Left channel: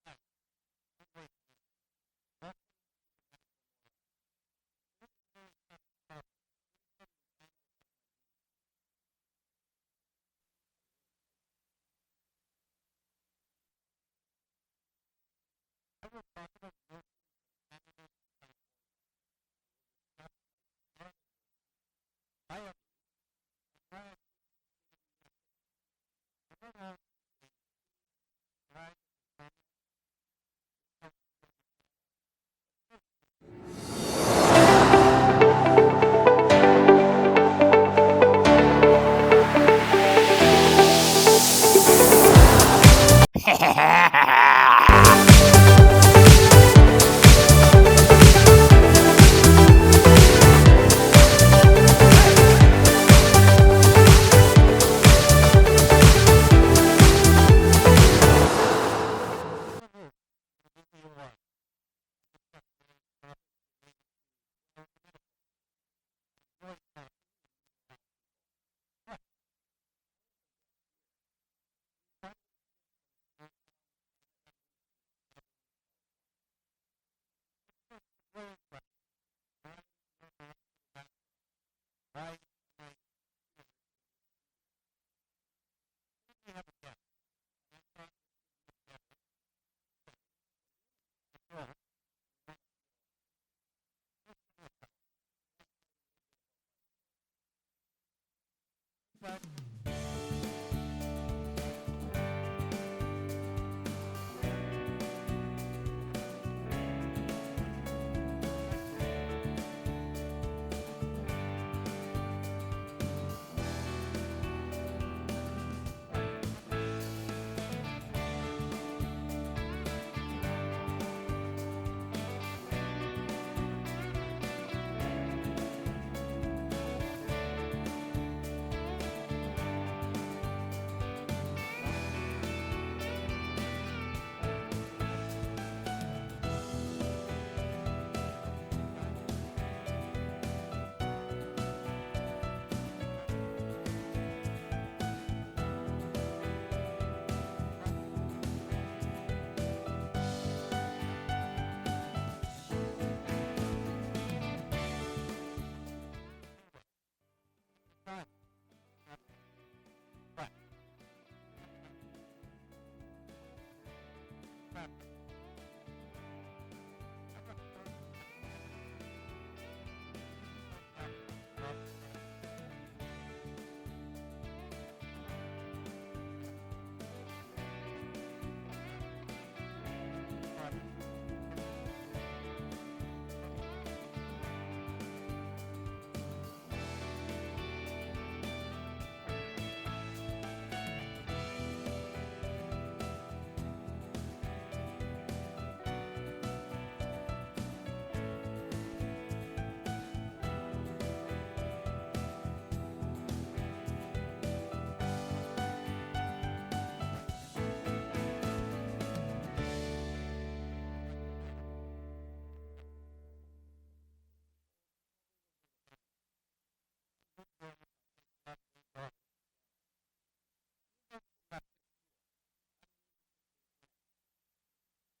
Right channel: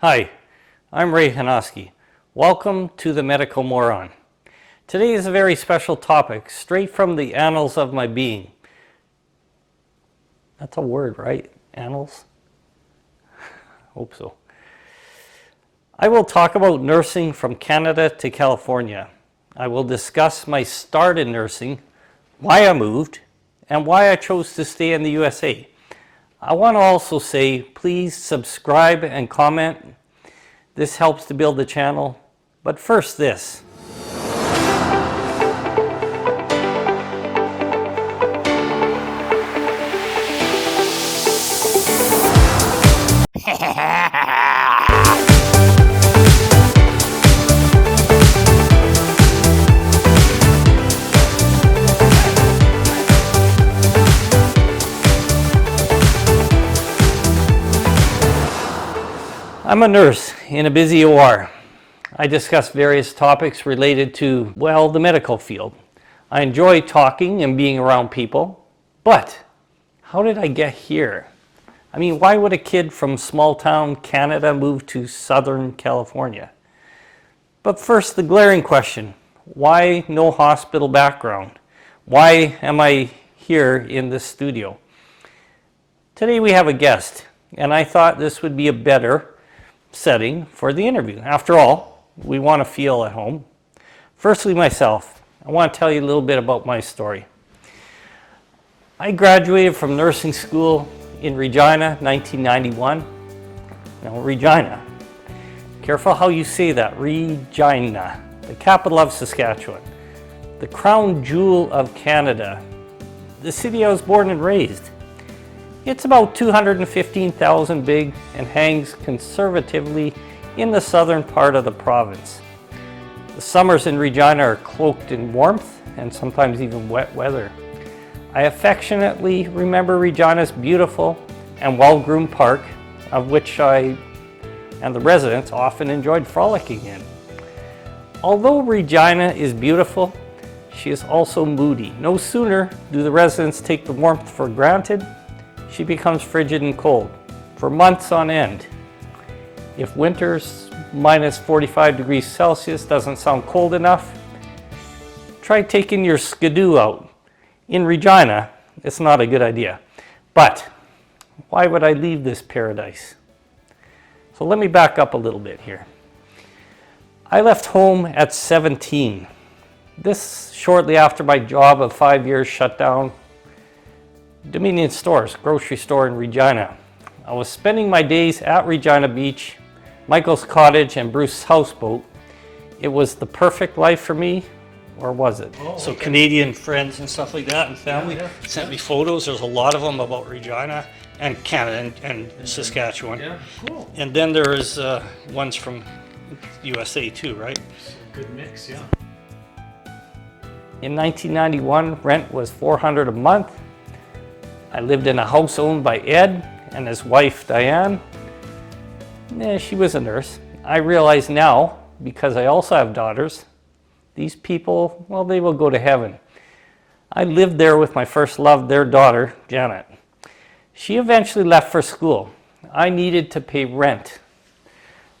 Hi, I'm Ray Hanoski. Welcome to the Medical Moron. Today is a very special topic, straight from the annals of my being. That's a word, right? Annals? Hope so. I will talk about nursing from Canada to California. I will discuss my start in nursing, why I moved, and why I chose to stay in the USA. I want to also say, please subscribe and comment. This helps to build the channel. But first, this. I'm a nurse in a busy OR. I discuss various topics related to, well, the medical field. I enjoy talking and being around people, but how did I get here? I mean, why would a kid from small town Canada move to Southern California? But first, the glaring question, why no hospital background? Why am I here in this studio? Today we have a guest, and I thought this would be a better setting for the interview. After all, we want to feel at home. Firstly, myself. I want to tell you a little bit about my story. I graduated from nursing school in Regina, 1991. Now, Regina. Careful how you say that. Regina, the capital of Saskatchewan, the crown jewel of Canada, the city I was born and raised. It's about 215,000 big and hangs conservatively in the southern part of the province. The summers in Regina are cloaked in warmth and sometimes even wet weather. I affectionately remember Regina's beautiful and well-groomed park, of which I and the residents often enjoyed frolicking in. Although Regina is beautiful, she is also moody. No sooner do the residents take the warmth for granted, she becomes frigid and cold for months on end. If winter's minus 45 degrees Celsius doesn't sound cold enough, try taking your skidoo out. In Regina, it's not a good idea. But why would I leave this paradise? So let me back up a little bit here. I left home at 17. This shortly after my job of 5 years shut down. Dominion Stores, grocery store in Regina. I was spending my days at Regina Beach, Michael's Cottage, and Bruce's houseboat. It was the perfect life for me, or was it? Oh, so okay. Canadian friends and stuff like that and family sent me photos. There's a lot of them about Regina and Canada and Saskatchewan. Yeah, cool. And then there's ones from USA too, right? Good mix, yeah. In 1991, rent was $400 a month. I lived in a house owned by Ed and his wife, Diane. She was a nurse. I realize now, because I also have daughters, these people, well, they will go to heaven. I lived there with my first love, their daughter, Janet. She eventually left for school. I needed to pay rent.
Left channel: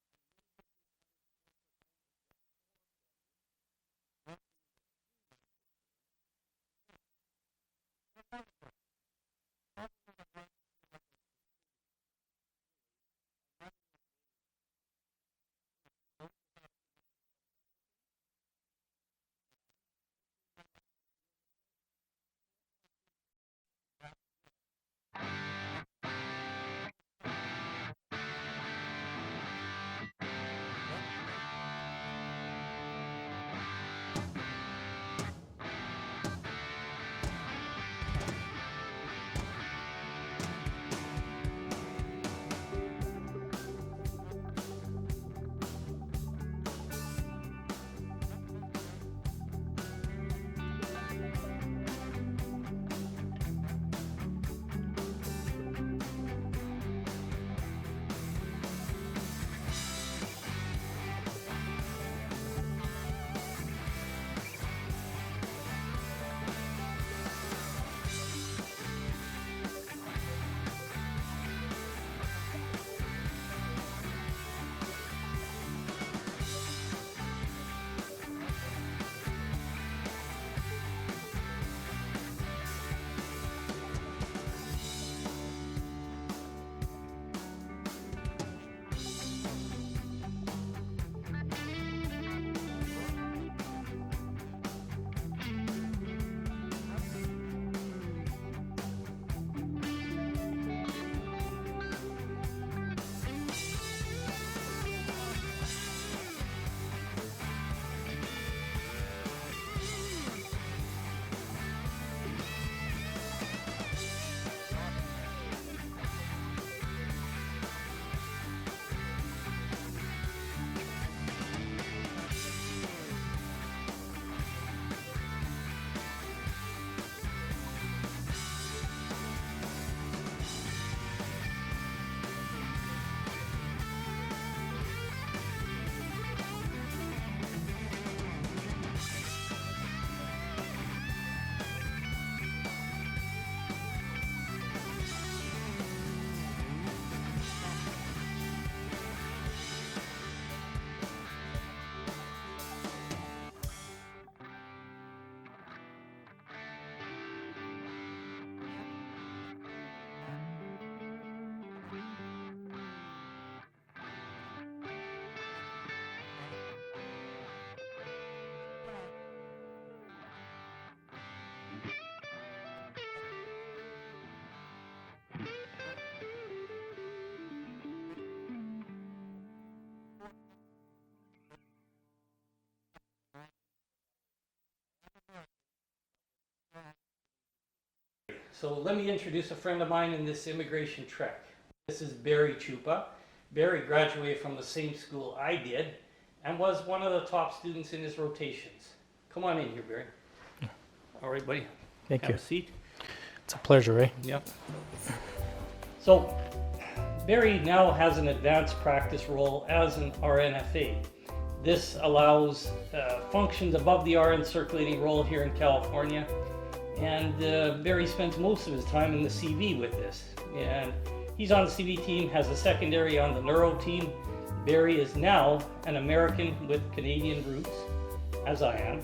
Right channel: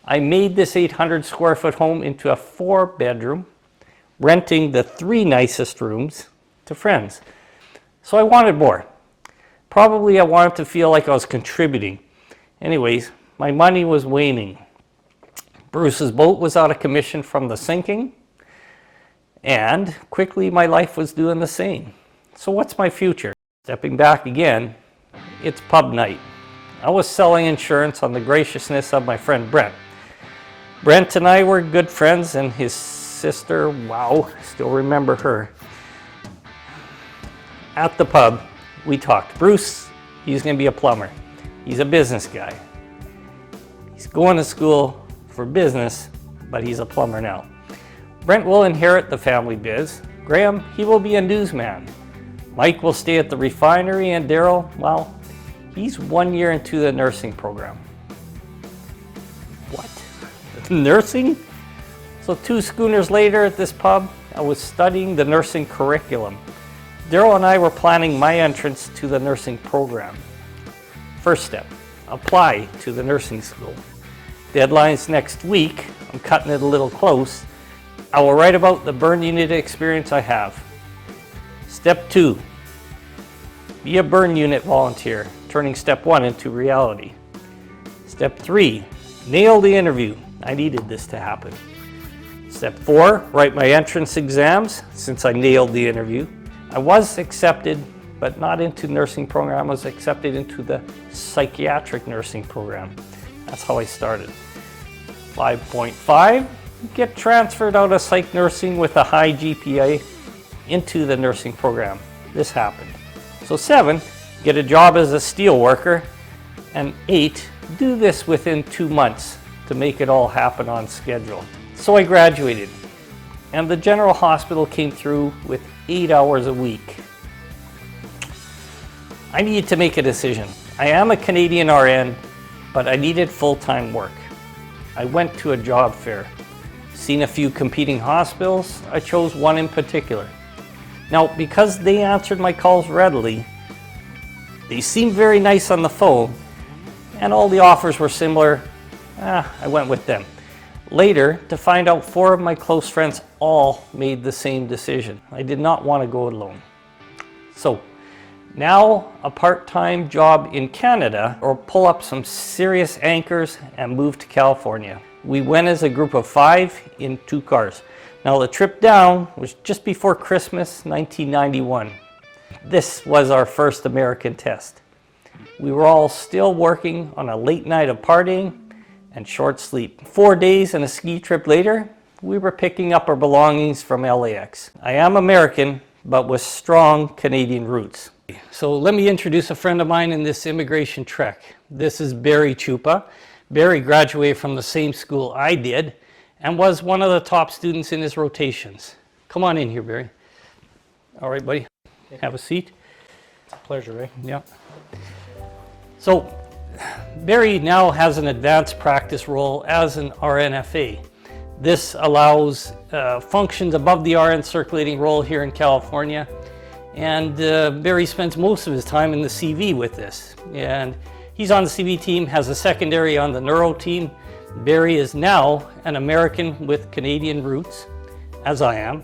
I made this 800 square foot home into a 4-bedroom, renting the 3 nicest rooms to friends. So I wanted more. Probably I wanted to feel like I was contributing. Anyways, my money was waning. Bruce's boat was out of commission from the sinking, and quickly my life was doing the same. So what's my future? Stepping back again, it's pub night. I was selling insurance on the graciousness of my friend Brent. Brent and I were good friends, and his sister, wow, still remember her. At the pub, we talked. Bruce, he's going to be a plumber. He's a business guy. He's going to school for business, but he's a plumber now. Brent will inherit the family biz. Graham, he will be a newsman. Mike will stay at the refinery, and Daryl, well, he's 1 year into the nursing program. What? Nursing? So 2 schooners later at this pub, I was studying the nursing curriculum. Daryl and I were planning my entrance to the nursing program. First step, apply to the nursing school. Deadline's next week. I'm cutting it a little close. I will write about the burn unit experience I have. Step 2, be a burn unit volunteer, turning step 1 into reality. Step 3, nail the interview. I needed this to happen. Step 4, write my entrance exams since I nailed the interview. I was accepted, but not into nursing program. I was accepted into the psychiatric nursing program. That's how I started. 5.5, get transferred out of psych nursing with a high GPA into the nursing program. This happened. So 7, get a job as a steel worker. And 8, do this within 2 months to make it all happen on schedule. So I graduated, and the general hospital came through with 8 hours a week. I needed to make a decision. I am a Canadian RN, but I needed full-time work. I went to a job fair, seen a few competing hospitals. I chose one in particular. Now, because they answered my calls readily, they seemed very nice on the phone, and all the offers were similar, I went with them. Later, to find out 4 of my close friends all made the same decision. I did not want to go alone. So, now a part-time job in Canada, or pull up some serious anchors and move to California. We went as a group of 5 in 2 cars. Now the trip down was just before Christmas, 1991. This was our first American test. We were all still working on a late night of partying and short sleep. 4 days and a ski trip later, we were picking up our belongings from LAX. I am American, but with strong Canadian roots. So let me introduce a friend of mine in this immigration trek. This is Barry Chupa. Barry graduated from the same school I did and was one of the top students in his rotations. Come on in here, Barry. All right, buddy. Have a seat. It's a pleasure, eh? Yeah. So Barry now has an advanced practice role as an RNFA. This allows functions above the RN circulating role here in California. And Barry spends most of his time in the CV with this. And he's on the CV team, has a secondary on the neuro team. Barry is now an American with Canadian roots, as I am.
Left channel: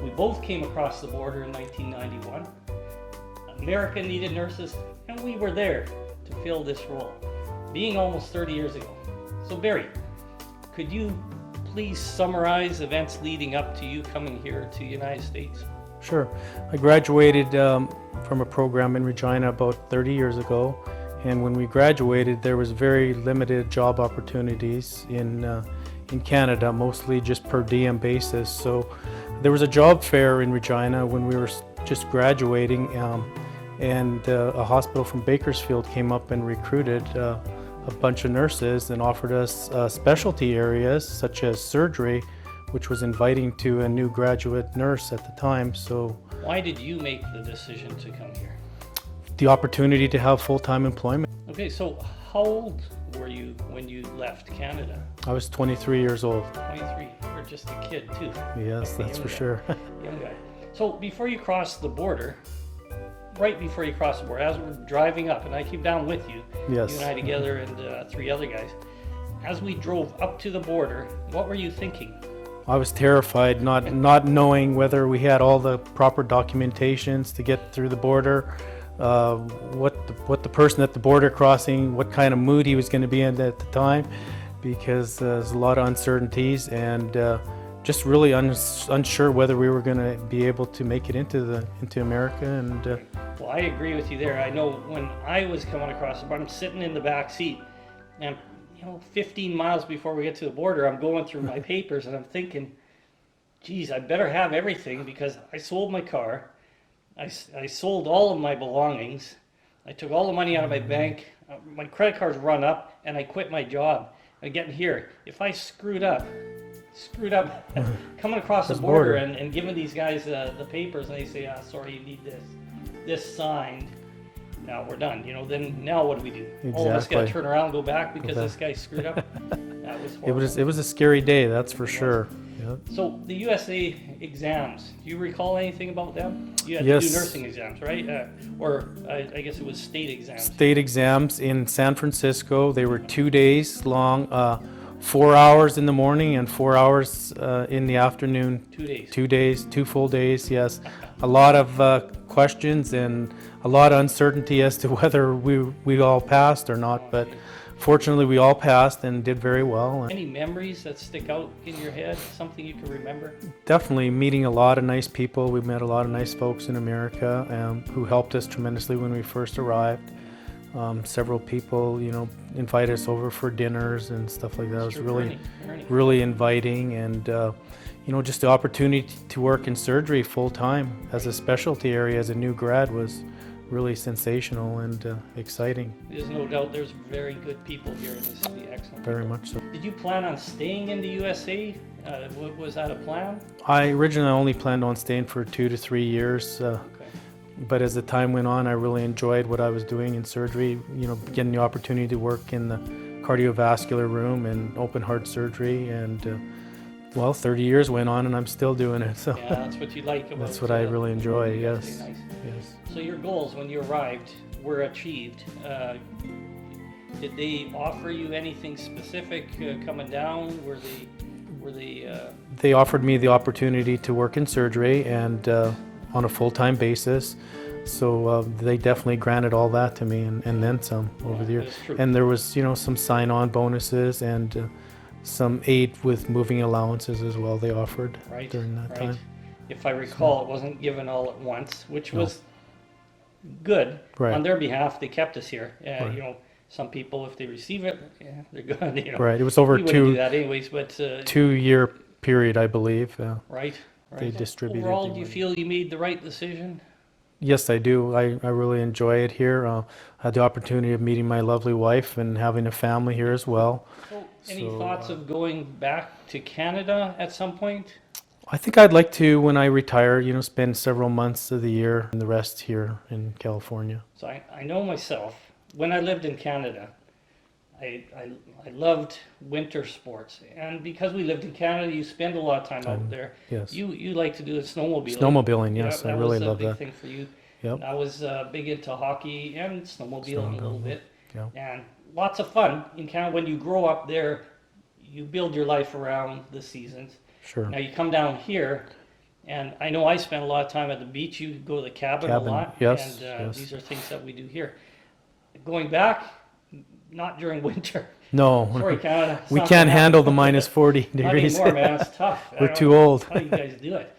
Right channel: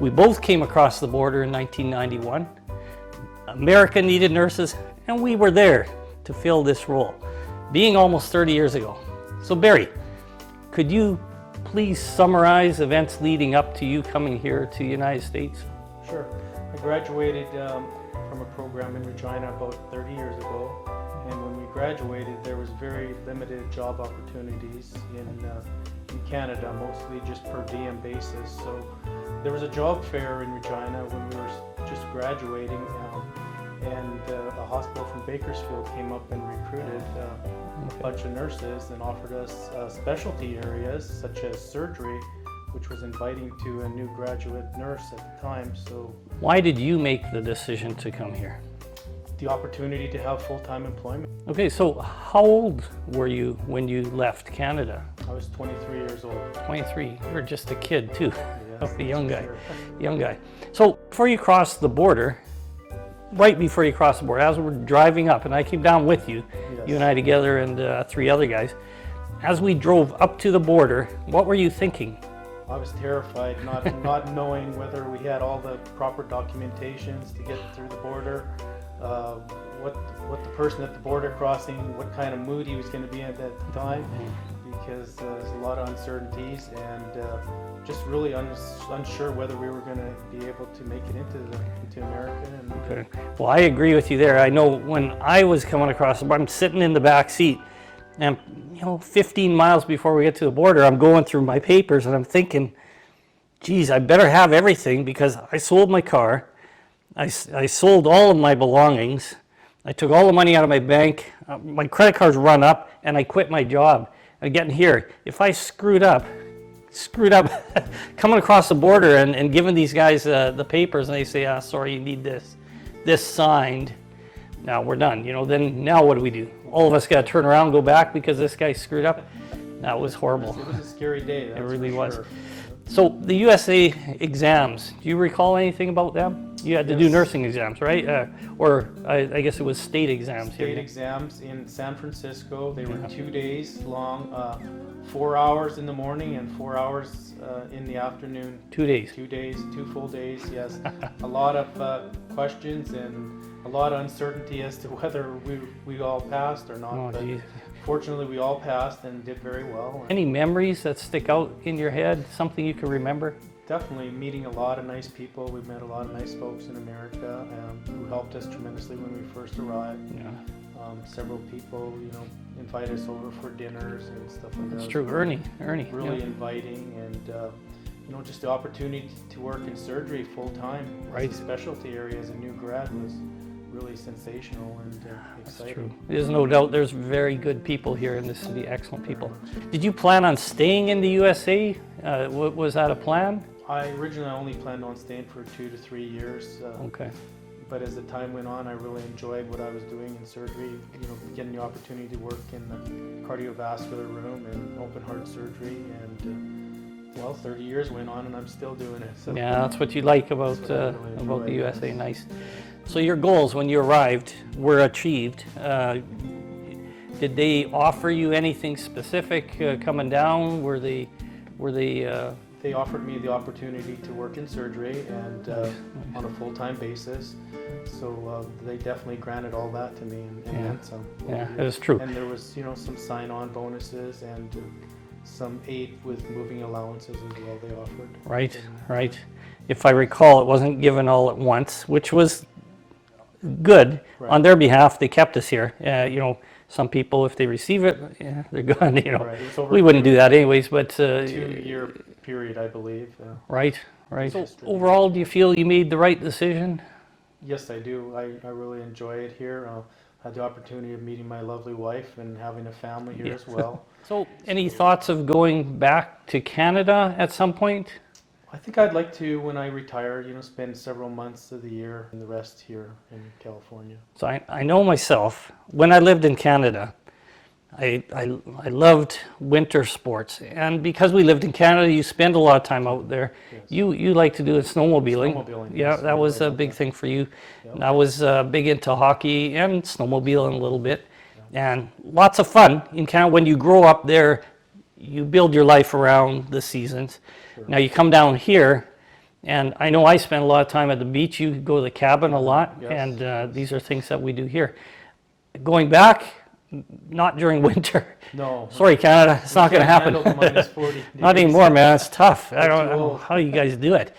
We both came across the border in 1991. America needed nurses, and we were there to fill this role, being almost 30 years ago. So Barry, could you please summarize events leading up to you coming here to the United States? Sure. I graduated from a program in Regina about 30 years ago, and when we graduated there was very limited job opportunities in Canada, mostly just per diem basis. So there was a job fair in Regina when we were just graduating, and a hospital from Bakersfield came up and recruited a bunch of nurses and offered us specialty areas such as surgery, which was inviting to a new graduate nurse at the time. So why did you make the decision to come here? The opportunity to have full-time employment. Okay, so how old were you when you left Canada? I was 23 years old. 23. You were just a kid too. Yes, a that's young for guy. sure. Young guy. So before you crossed the border, right before you crossed the border, as we're driving up, and I came down with you, Yes. you and I together and 3 other guys, as we drove up to the border, what were you thinking? I was terrified, not knowing whether we had all the proper documentations to get through the border, what the person at the border crossing, what kind of mood he was going to be in at the time, because there's a lot of uncertainties, and just really unsure whether we were going to be able to make it into America. And Well, I agree with you there. I know when I was coming across the border, I'm sitting in the back seat, and 15 miles before we get to the border, I'm going through my papers and I'm thinking, geez, I better have everything, because I sold my car, I sold all of my belongings, I took all the money out of my bank, my credit cards run up, and I quit my job. And getting here, if I screwed up coming across the border and giving these guys the papers, and they say, sorry, you need this signed. Now we're done. Then now what do we do? Exactly. All of us got to turn around and go back because this guy screwed up. That was horrible. It was a scary day, that's really for sure. So the USA exams, do you recall anything about them? You had to do Yes. nursing exams, right? Or I guess it was state exams. State exams in San Francisco. They were 2 days long, 4 hours in the morning and 4 hours in the afternoon. 2 days. 2 days, 2 full days, yes. A lot of questions and a lot of uncertainty as to whether we all passed or not, Oh, but geez. fortunately we all passed and did very well. Any memories that stick out in your head? Something you can remember? Definitely meeting a lot of nice people. We met a lot of nice folks in America who helped us tremendously when we first arrived. Several people, invited us over for dinners and stuff like that. That's It was true. really, Ernie. really inviting, and just the opportunity to work in surgery full time as a Right. specialty area as a new grad was really sensational and exciting. There's no doubt there's very good people here in the city, excellent Very people. much so. Did you plan on staying in the USA? Was that a plan? I originally only planned on staying for 2 to 3 years. Okay. But as the time went on, I really enjoyed what I was doing in surgery, getting the opportunity to work in the cardiovascular room and open heart surgery. And 30 years went on and I'm still doing it. So Yeah, that's what you like about That's what I really about enjoy, the USA. yes. Nice. So your goals when you arrived were achieved. Did they offer you anything specific coming down? Were they they offered me the opportunity to work in surgery and on a full-time basis. So they definitely granted all that to me and then some over the years. that's true. And there was, some sign-on bonuses and some aid with moving allowances as well they offered. right? during that Right. time. If I recall, it wasn't given all at once, which was good Right. on their behalf. They kept us here. Some people, if they receive it, they're gone. Right, it was over We wouldn't two- do that anyways, but 2-year period, I believe. right. They So distributed overall, the do you feel you made the right decision? Yes, I do. I really enjoy it here. I had the opportunity of meeting my lovely wife and having a family here as well. So, any thoughts of going back to Canada at some point? I think I'd like to, when I retire, spend several months of the year and the rest here in California. So I know myself, when I lived in Canada, I loved winter sports. And because we lived in Canada, you spend a lot of time out there. Yes. You like to do snowmobiling. Snowmobiling, yes, Yeah, I that was really a love big that. thing for you. Yep. I was big into hockey and snowmobiling a little bit. And lots of fun in Canada. When you grow up there, you build your life around the seasons. Sure. Now you come down here, and I know I spend a lot of time at the beach. You go to the cabin a lot, yes, and yes. these are things that we do here. Going back, not during winter. No, Sorry, Canada, it's we not going can't to happen. handle the minus 40 degrees. Not anymore, man. It's tough. I We're don't too know old. how you guys do it.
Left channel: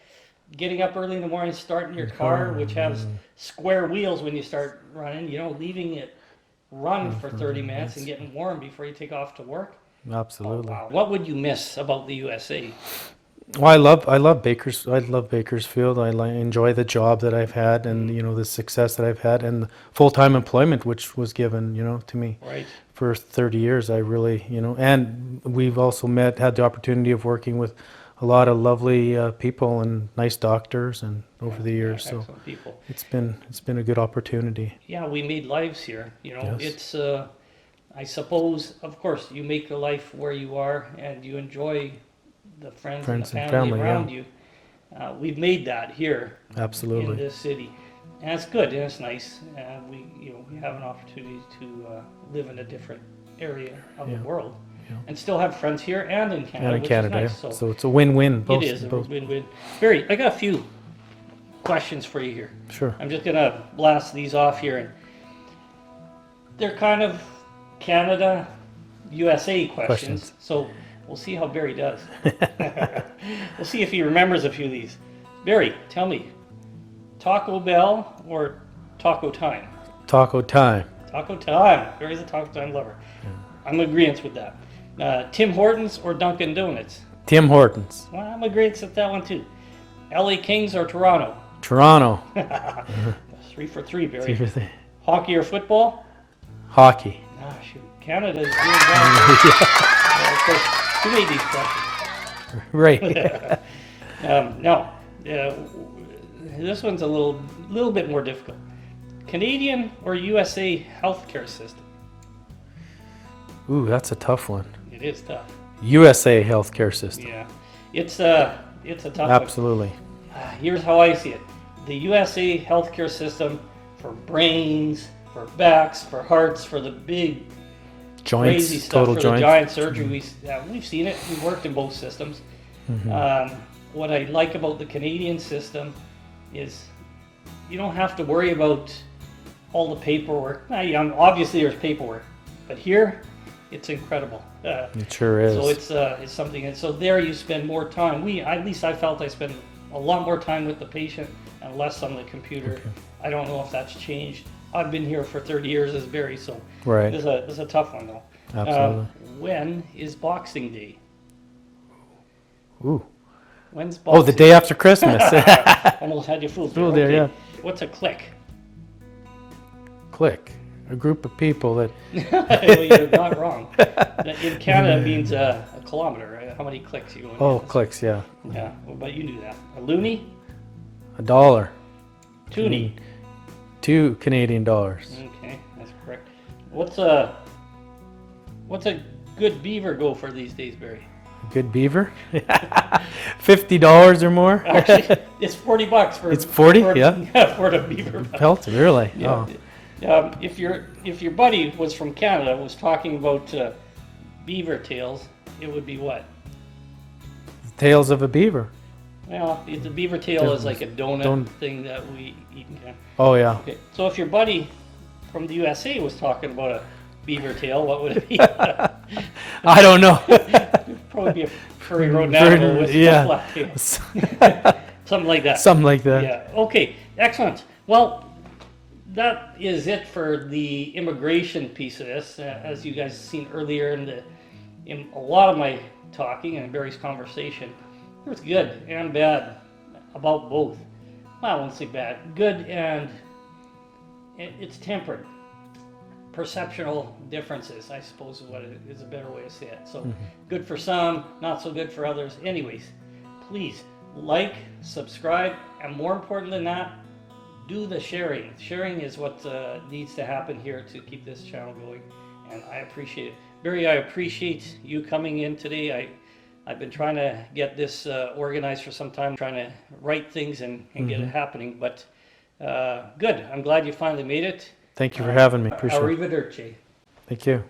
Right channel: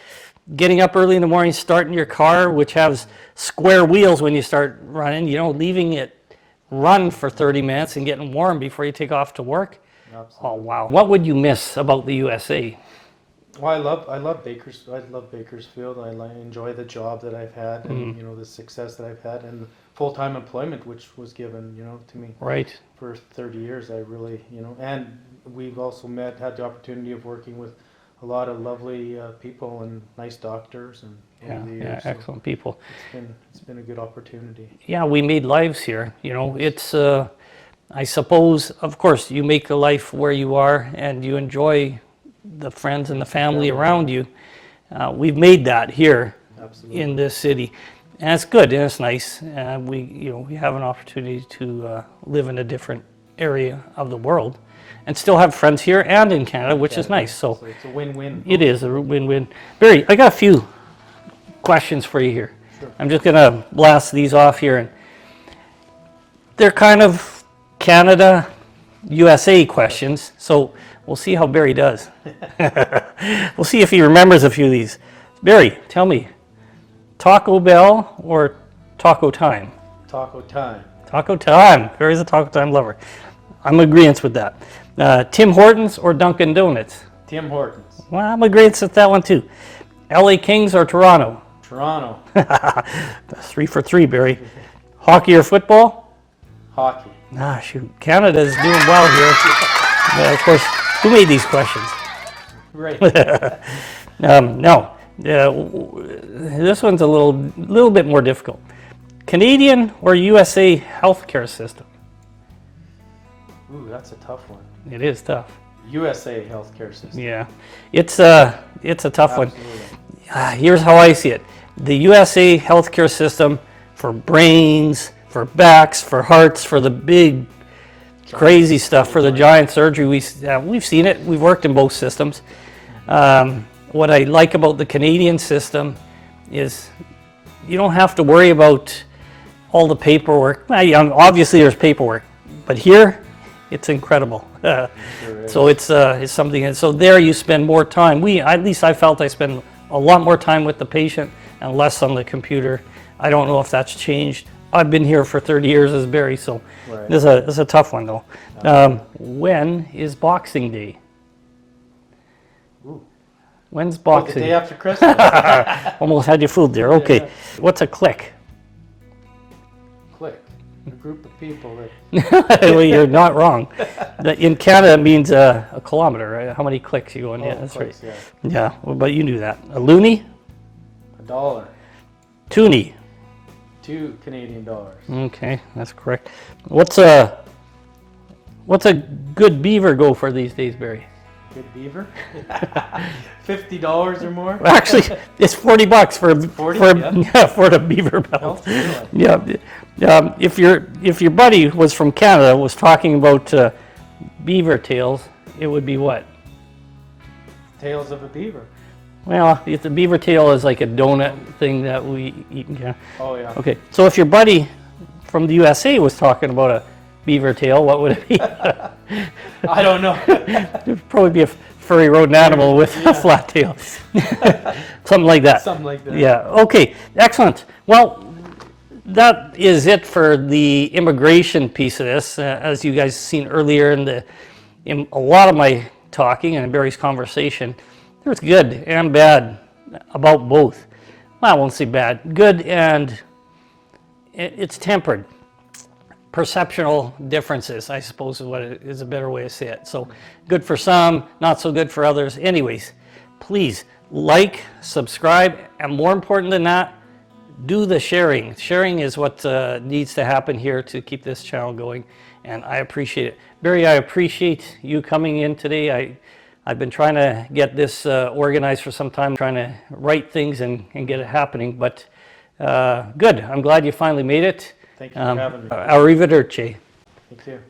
Getting up early in the morning, starting your car, which has square wheels when you start running, leaving it run for 30 minutes and getting warm before you take off to work. Oh, Absolutely. wow. What would you miss about the USA? Well, I love Bakersfield. I enjoy the job that I've had and the success that I've had and the full-time employment which was given to me Right. for 30 years. I really and we've also had the opportunity of working with a lot of lovely people and nice doctors and over the years. So Excellent people. it's been a good opportunity. Yeah, we made lives here. It's, I suppose, of course, you make a life where you are and you enjoy the friends and the family around you. We've made that here Absolutely. in this city. And it's good and it's nice. We have an opportunity to live in a different area of the world and still have friends here and in Canada, In which is Canada, nice. So it's a win-win. it is a win-win. Barry, I got a few questions for you here. Sure. I'm just going to blast these off here. And they're kind of Canada, USA questions. So we'll see how Barry does. We'll see if he remembers a few of these. Barry, tell me, Taco Bell or Taco Time? Taco time. Taco Time. Barry's a Taco Time lover. I'm in agreement with that. Tim Hortons or Dunkin' Donuts? Tim Hortons. Well, I'm in agreement with that one too. LA Kings or Toronto? Toronto. That's 3 for 3, Barry. Hockey or football? Hockey. Ah, shoot. Canada's doing well here. Well, of course, who made these questions? Right. No. This one's a little bit more difficult. Canadian or USA healthcare system? Ooh, that's a tough one. It is tough. USA healthcare system. Yeah. It's a tough one. Absolutely. Here's how I see it. The USA healthcare system for brains, for backs, for hearts, for the big Joints, crazy stuff, total for the joint. giant surgery, we've seen it. We've worked in both systems. What I like about the Canadian system is you don't have to worry about all the paperwork. Well, obviously there's paperwork, but here it's incredible. It sure is. So it's something, and so there you spend more time. At least I felt I spend a lot more time with the patient and less on the computer. I don't know if that's changed. I've been here for 30 years as Barry, so Right. this is a tough one though. Absolutely. When is Boxing Day? Ooh. When's Oh, Boxing the day after Christmas. Almost had you fooled there. Fooled you, Okay. What's a click? Click. A group of people that. Well, you're not wrong. In Canada, it means a kilometer, right? How many clicks you go in? Oh, that's clicks, yeah. right. Yeah, well, but you knew that. A loonie? $1. Toonie. $2 Canadian. Okay, that's correct. What's a good beaver go for these days, Barry? Good beaver. $50 or more. Actually, it's $40 for It's 40? for, Yeah. for the beaver belt. Health, really? Yeah. If your buddy was from Canada was talking about beaver tails, it would be what? Tails of a beaver. Well, if the beaver tail is like a donut thing that we eat. Yeah. Oh, yeah. Okay. So if your buddy from the USA was talking about a beaver tail, what would it be? I don't know. It'd probably be a furry rodent animal with Yeah. a flat tail. Something like that. Something like that. Yeah. Okay. Excellent. Well, that is it for the immigration piece of this. As you guys seen earlier in a lot of my talking and Barry's conversation, there's good and bad about both. Well, I won't say bad. Good, and it's tempered. Perceptual differences, I suppose, is what it is a better way to say it. So good for some, not so good for others. Anyways, please like, subscribe, and more important than that, do the sharing. Sharing is what needs to happen here to keep this channel going, and I appreciate it. Barry, I appreciate you coming in today. I've been trying to get this organized for some time, trying to write things and get it happening, but good. I'm glad you finally made it. Thank you for having me. Appreciate it. Arrivederci. Thank you.